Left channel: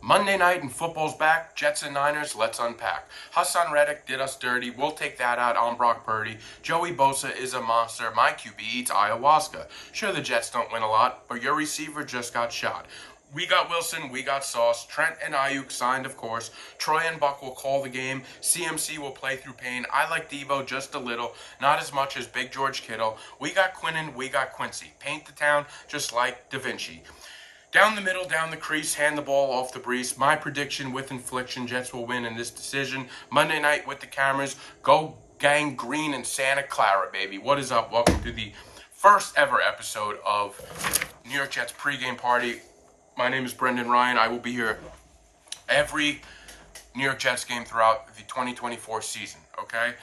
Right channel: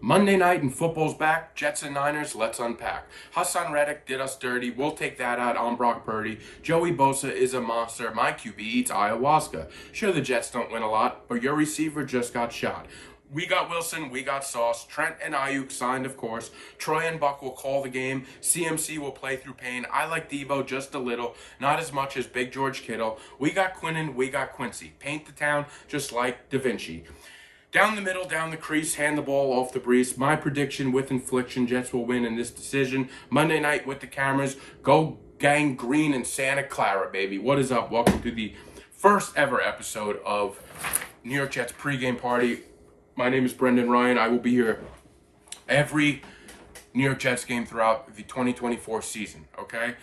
Monday night and football's back. Jets and Niners, let's unpack. Hassan Reddick did us dirty. We'll take that out on Brock Purdy. Joey Bosa is a monster. My QB eats ayahuasca. Sure, the Jets don't win a lot, but your receiver just got shot. We got Wilson, we got Sauce. Trent and Ayuk signed, of course. Troy and Buck will call the game. CMC will play through pain. I like Debo just a little, not as much as Big George Kittle. We got Quinnen, we got Quincy. Paint the town just like Da Vinci. Down the middle, down the crease, hand the ball off the breeze. My prediction with infliction, Jets will win in this decision. Monday night with the cameras. Go Gang Green in Santa Clara, baby. What is up? Welcome to the first ever episode of New York Jets pregame party. My name is Brendan Ryan. I will be here every New York Jets game throughout the 2024 season. Okay.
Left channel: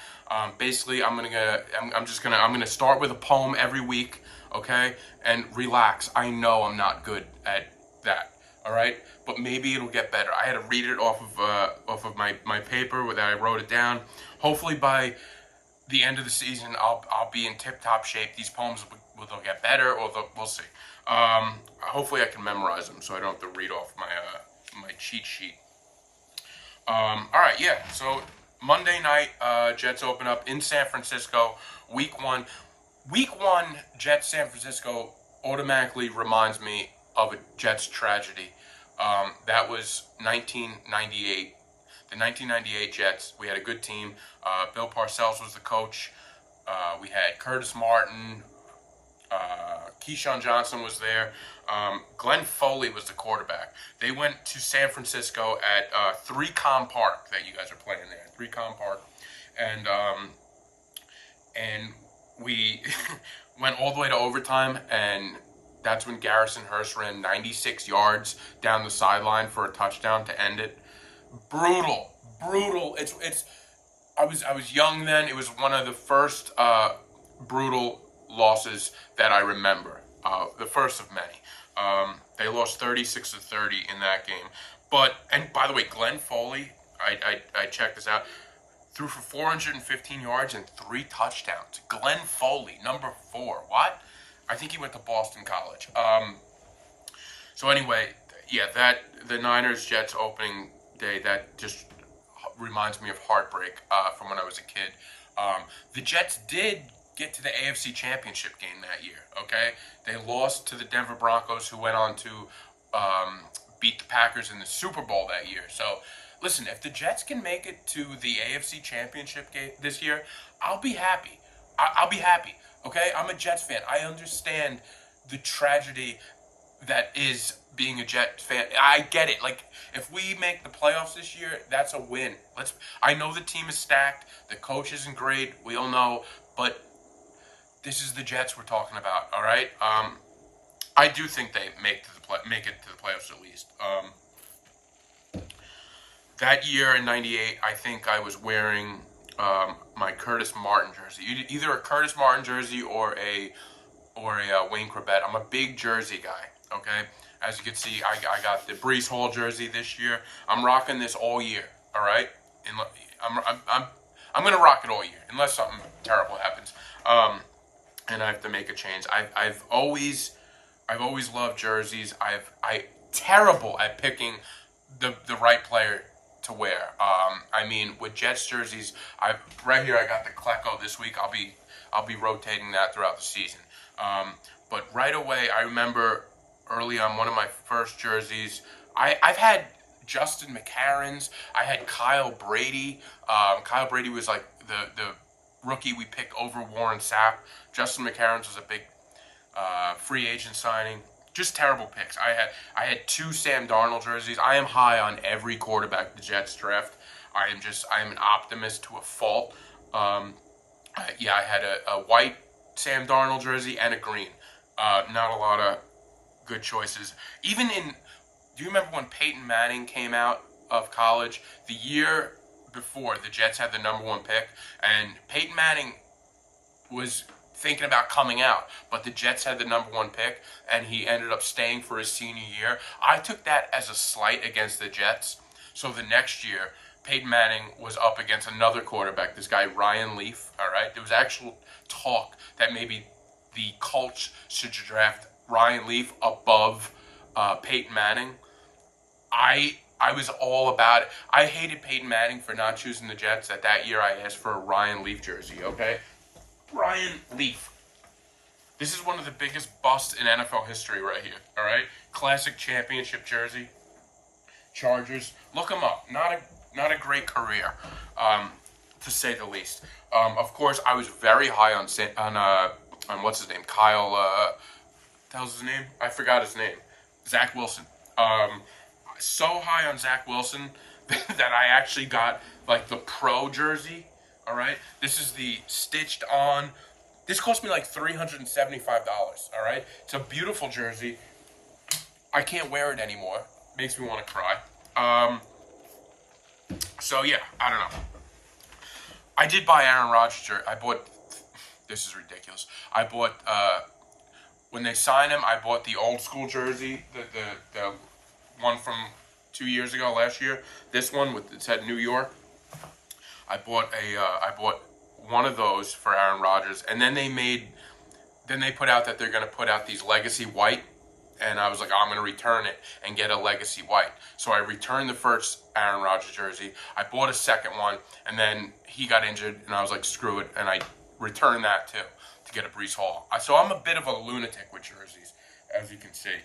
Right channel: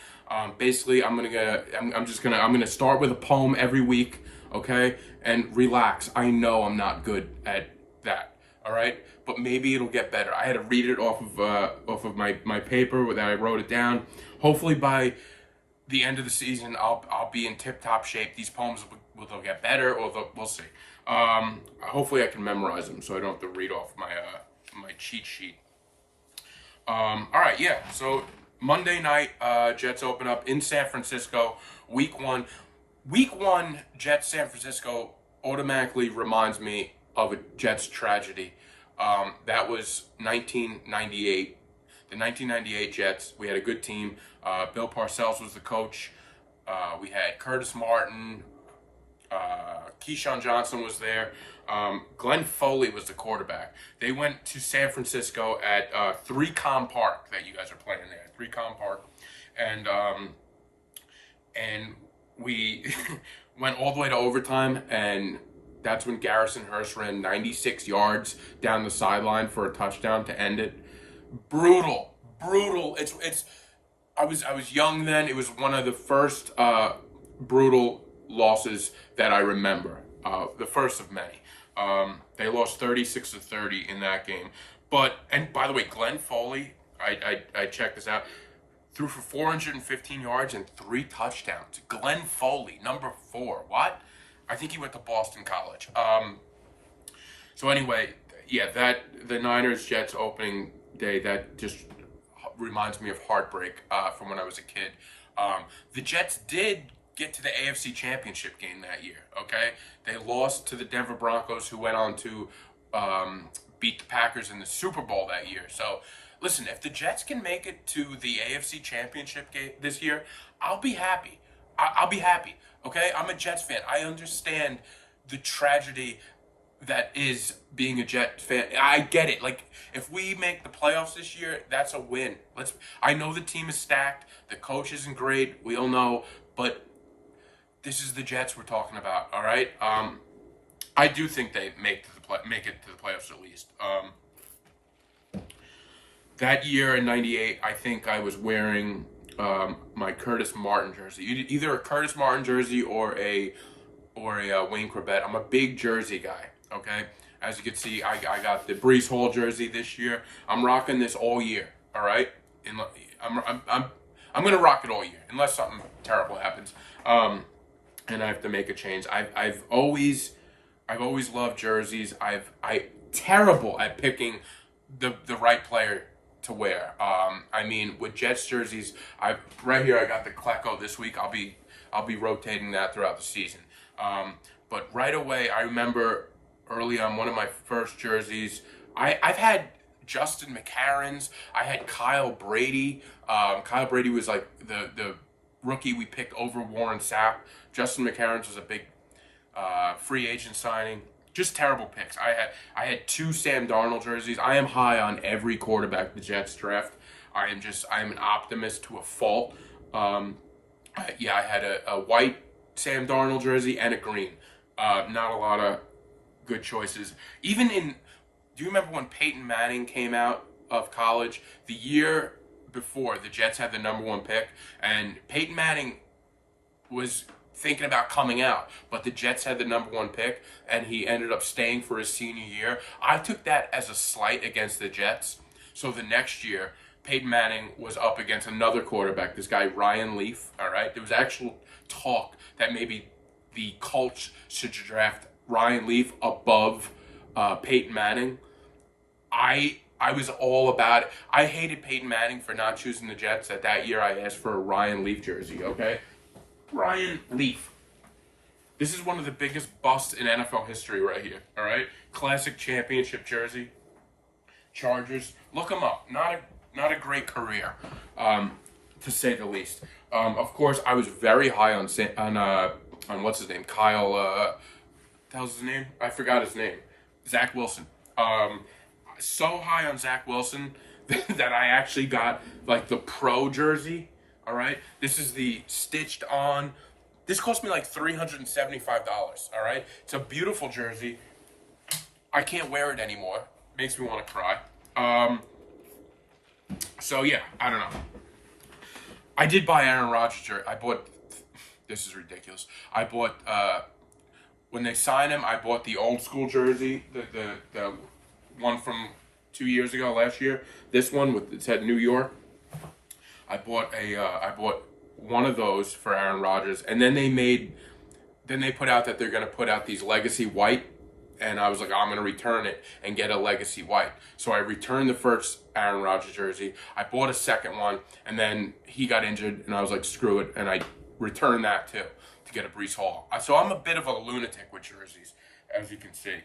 Basically, I'm gonna start with a poem every week. Okay, and relax. I know I'm not good at that. All right, but maybe it'll get better. I had to read it off of my paper that I wrote it down. Hopefully by the end of the season, I'll be in tip-top shape. These poems will get better, or we'll see. Hopefully I can memorize them so I don't have to read off my cheat sheet. All right, yeah. So Monday night, Jets open up in San Francisco, Week 1. Week 1, Jets San Francisco automatically reminds me of a Jets tragedy. That was 1998. The 1998 Jets. We had a good team. Bill Parcells was the coach. We had Curtis Martin. Keyshawn Johnson was there. Glenn Foley was the quarterback. They went to San Francisco at 3Com Park that you guys are playing there. 3Com Park. And we went all the way to overtime, and that's when Garrison Hurst ran 96 yards down the sideline for a touchdown to end it. Brutal. I was young then. It was one of the first brutal losses that I remember. The first of many. They lost 36-30 in that game. And by the way, Glenn Foley, I checked this out, threw for 415 yards and 3 touchdowns. Glenn Foley, number 4. What? I think he went to Boston College. So anyway, yeah, the Niners-Jets opening day, that just reminds me of heartbreak from when I was a kid. The Jets did get to the AFC Championship game that year, okay? They lost to the Denver Broncos, who went on to beat the Packers in the Super Bowl that year. So, listen, if the Jets can make it to the AFC Championship game this year, I'll be happy. I'll be happy, okay? I'm a Jets fan. I understand the tragedy that is being a Jets fan. I get it. Like, if we make the playoffs this year, that's a win. I know the team is stacked. The coach isn't great. We all know. But this is the Jets we're talking about, all right? I do think they make it to the playoffs at least. That year in '98, I think I was wearing my Curtis Martin jersey, either a Curtis Martin jersey or a Wayne Corbett. I'm a big jersey guy. Okay, as you can see, I got the Breece Hall jersey this year. I'm rocking this all year. All right, I'm gonna rock it all year unless something terrible happens. And I have to make a change. I've always loved jerseys. I terrible at picking the right player to wear. I mean, with Jets jerseys, right here I got the Klecko this week. I'll be rotating that throughout the season. But right away, I remember early on one of my first jerseys. I've had Justin McCarron's. I had Kyle Brady. Kyle Brady was like the rookie we picked over Warren Sapp. Justin McCarron's was a big free agent signing. Just terrible picks. I had 2 Sam Darnold jerseys. I am high on every quarterback the Jets draft. I am an optimist to a fault. I had a white Sam Darnold jersey and a green. Not a lot of good choices. Do you remember when Peyton Manning came out of college? The year before, the Jets had the number 1 pick, and Peyton Manning was thinking about coming out, but the Jets had the number 1 pick, and he ended up staying for his senior year. I took that as a slight against the Jets. So the next year, Peyton Manning was up against another quarterback, this guy Ryan Leaf, all right? There was actual talk that maybe the Colts should draft Ryan Leaf above Peyton Manning. I I was all about it. I hated Peyton Manning for not choosing the Jets. That year I asked for a Ryan Leaf jersey, okay? Ryan Leaf. This is one of the biggest busts in NFL history right here, all right? Classic championship jersey. Chargers. Look him up. Not a great career, to say the least. Of course, I was very high on what's his name? Kyle, what the hell's his name? I forgot his name. Zach Wilson. So high on Zach Wilson that I actually got like the pro jersey. All right, this is the stitched on. This cost me like $375. All right, it's a beautiful jersey. I can't wear it anymore. Makes me want to cry. So yeah, I don't know. I did buy Aaron Rodgers jersey. I bought. This is ridiculous. I bought when they signed him. I bought the old school jersey, the one from 2 years ago, last year. This one with it said New York. I bought one of those for Aaron Rodgers, and then they put out that they're gonna put out these legacy white, and I was like, oh, I'm gonna return it and get a legacy white. So I returned the first Aaron Rodgers jersey. I bought a second one, and then he got injured, and I was like, screw it, and I returned that too to get a Breece Hall. So I'm a bit of a lunatic with jerseys, as you can see.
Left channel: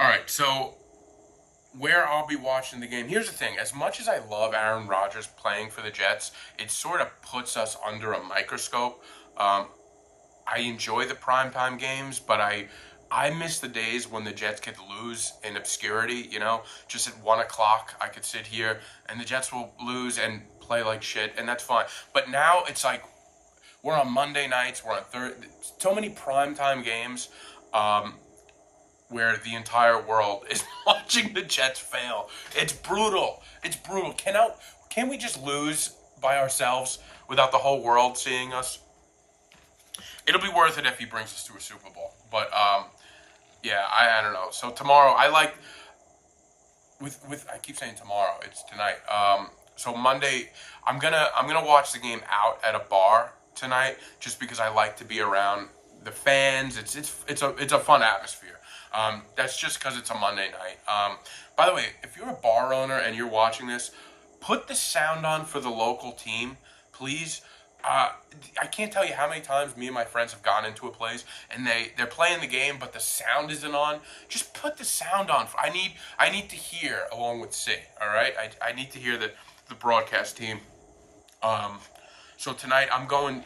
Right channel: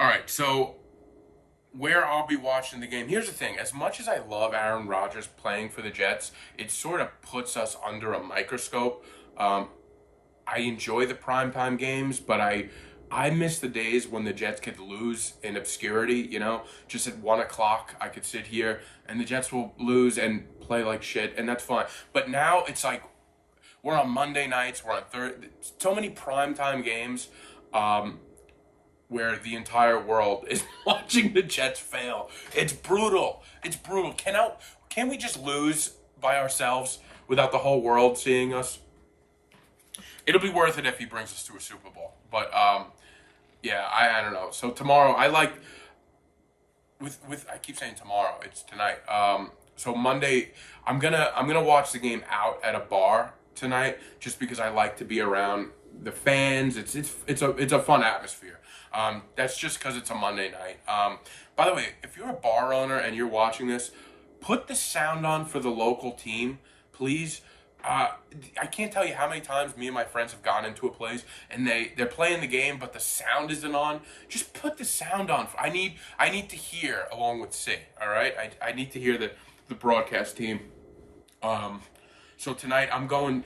All right, so where I'll be watching the game. Here's the thing. As much as I love Aaron Rodgers playing for the Jets, it sort of puts us under a microscope. I enjoy the primetime games, but I miss the days when the Jets could lose in obscurity, just at 1 o'clock I could sit here and the Jets will lose and play like shit, and that's fine. But now it's like we're on Monday nights, we're on Thursday, so many primetime games where the entire world is watching the Jets fail. It's brutal. It's brutal. Can we just lose by ourselves without the whole world seeing us? It'll be worth it if he brings us to a Super Bowl. But yeah, I don't know. So tomorrow, I keep saying tomorrow. It's tonight. So Monday, I'm gonna watch the game out at a bar tonight, just because I like to be around the fans. It's a fun atmosphere. That's just because it's a Monday night. By the way, if you're a bar owner and you're watching this, put the sound on for the local team, please. I can't tell you how many times me and my friends have gone into a place and they're playing the game, but the sound isn't on. Just put the sound on. I need to hear along with Sig. All right, I need to hear the broadcast team. So tonight I'm going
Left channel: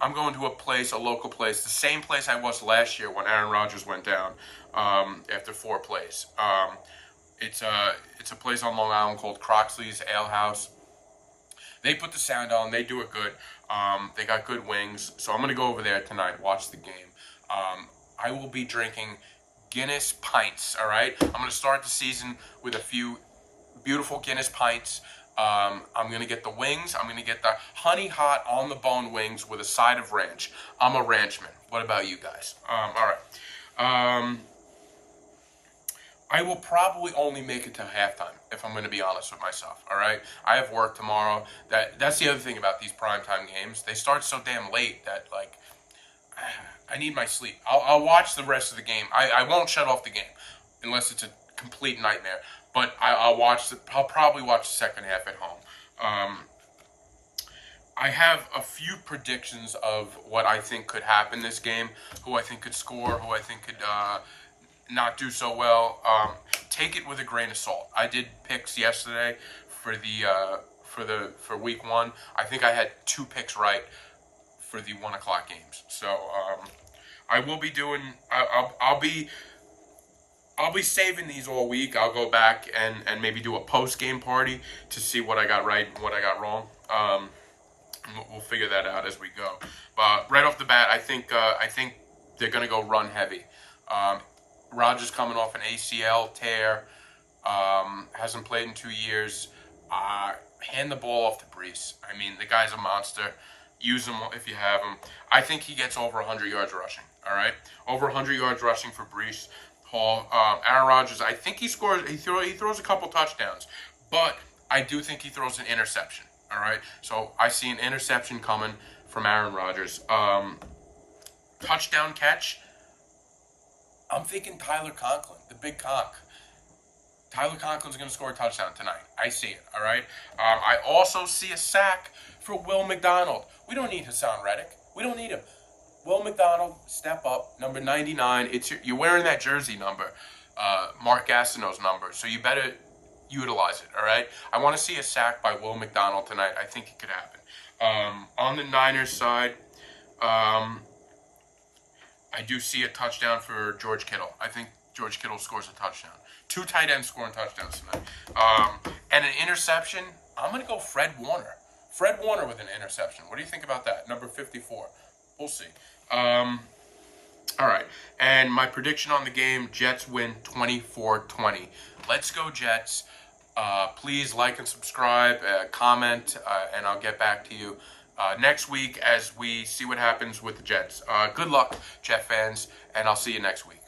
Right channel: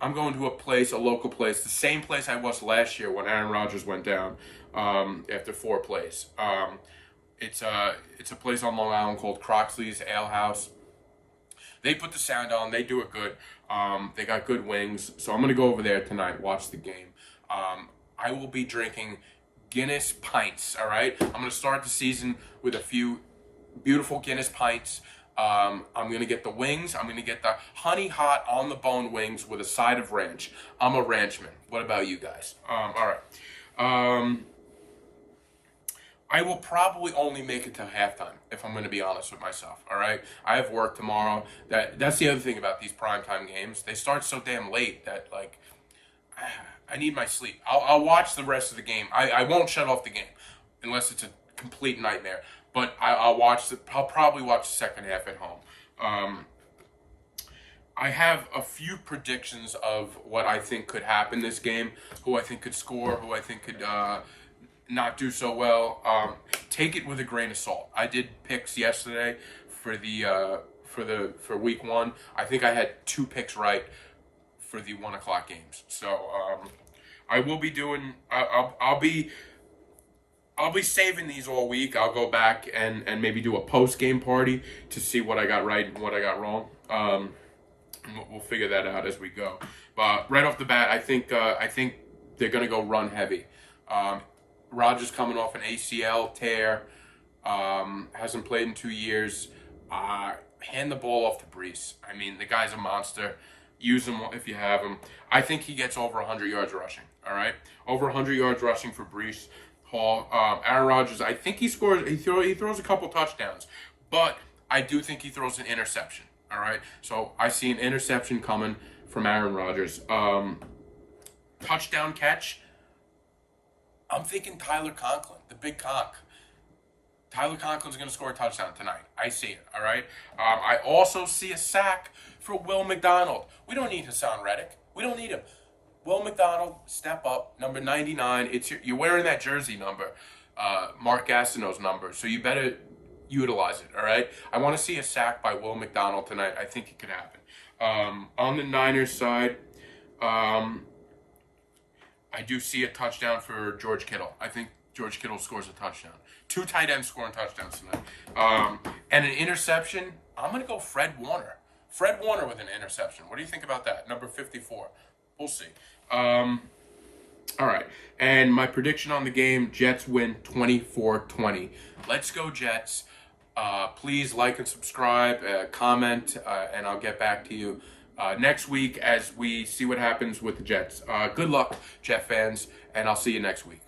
to a local place, the same place I was last year when Aaron Rodgers went down after 4 plays. It's a place on Long Island called Croxley's Ale House. They put the sound on. They do it good. They got good wings. So I'm going to go over there tonight, watch the game. I will be drinking Guinness pints, all right? I'm going to start the season with a few beautiful Guinness pints. I'm going to get the wings. I'm going to get the honey hot on the bone wings with a side of ranch. I'm a ranchman. What about you guys? All right. I will probably only make it to halftime, if I'm going to be honest with myself, all right? I have work tomorrow. That's the other thing about these primetime games. They start so damn late that, like, I need my sleep. I'll watch the rest of the game. I won't shut off the game unless it's a complete nightmare. But I'll probably watch the second half at home. I have a few predictions of what I think could happen this game, who I think could score, who I think could not do so well. Take it with a grain of salt. I did picks yesterday for week 1. I think I had 2 picks right for the 1 o'clock games. So I will be doing. I'll be saving these all week. I'll go back and maybe do a post-game party to see what I got right and what I got wrong. We'll figure that out as we go. But right off the bat, I think they're going to go run heavy. Rodgers coming off an ACL tear, hasn't played in 2 years. Hand the ball off to Breece. I mean, the guy's a monster. Use him if you have him. I think he gets over 100 yards rushing. All right, over 100 yards rushing for Breece Hall. Aaron Rodgers, I think he scores. He throws a couple touchdowns, but I do think he throws an interception. All right, so I see an interception coming from Aaron Rodgers. Touchdown catch. I'm thinking Tyler Conklin, the big cock. Tyler Conklin's going to score a touchdown tonight. I see it, all right? I also see a sack for Will McDonald. We don't need Hassan Reddick. We don't need him. Will McDonald, step up, number 99. You're wearing that jersey number, Mark Gastineau's number, so you better utilize it, all right? I want to see a sack by Will McDonald tonight. I think it could happen. On the Niners side, I do see a touchdown for George Kittle. I think George Kittle scores a touchdown. 2 tight ends scoring touchdowns tonight. And an interception, I'm going to go Fred Warner. Fred Warner with an interception. What do you think about that? Number 54. We'll see. All right. And my prediction on the game, Jets win 24-20. Let's go, Jets. Please like and subscribe, comment, and I'll get back to you next week as we see what happens with the Jets. Good luck, Jet fans, and I'll see you next week.